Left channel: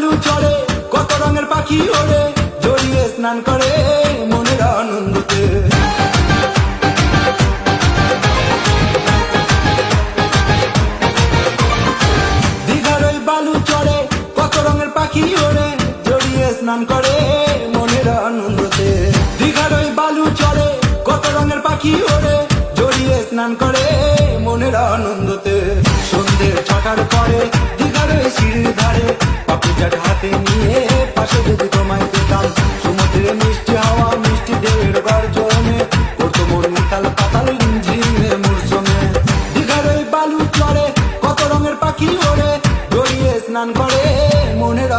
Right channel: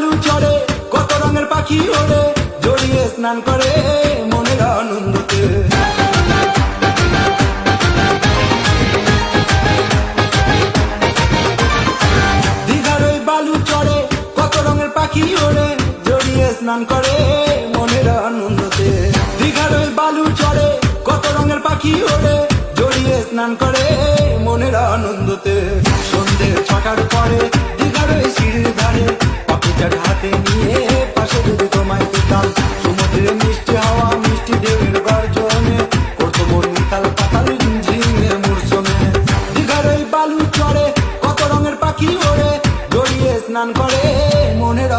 বালু চড়ে কত রঙের পাখি ওড়ে, জড়িয়ে স্নান করে মনের আনন্দতে। দীঘার ওই বালু চড়ে কত রঙের পাখি ওড়ে, জড়িয়ে স্নান করে মনের আনন্দতে। দীঘার ওই বালু চড়ে কত রঙের পাখি ওড়ে, জড়িয়ে স্নান করে মনের আনন্দতে। সন্ধে 6টার পরে দীঘার ওই সিঁড়ির ধারে পাপড়ি চাট হাতে নিয়ে পাশে যদি তোমায় পেতাম, সমুদ্রে মিষ্টি হাওয়া মিষ্টি ঢেউয়ের গর্জনে করতো মন উথাল পাতাল ঝিমে মূর্ছনে। দীঘার ওই বালু চড়ে কত রঙের পাখি ওড়ে, জড়িয়ে স্নান করে মনের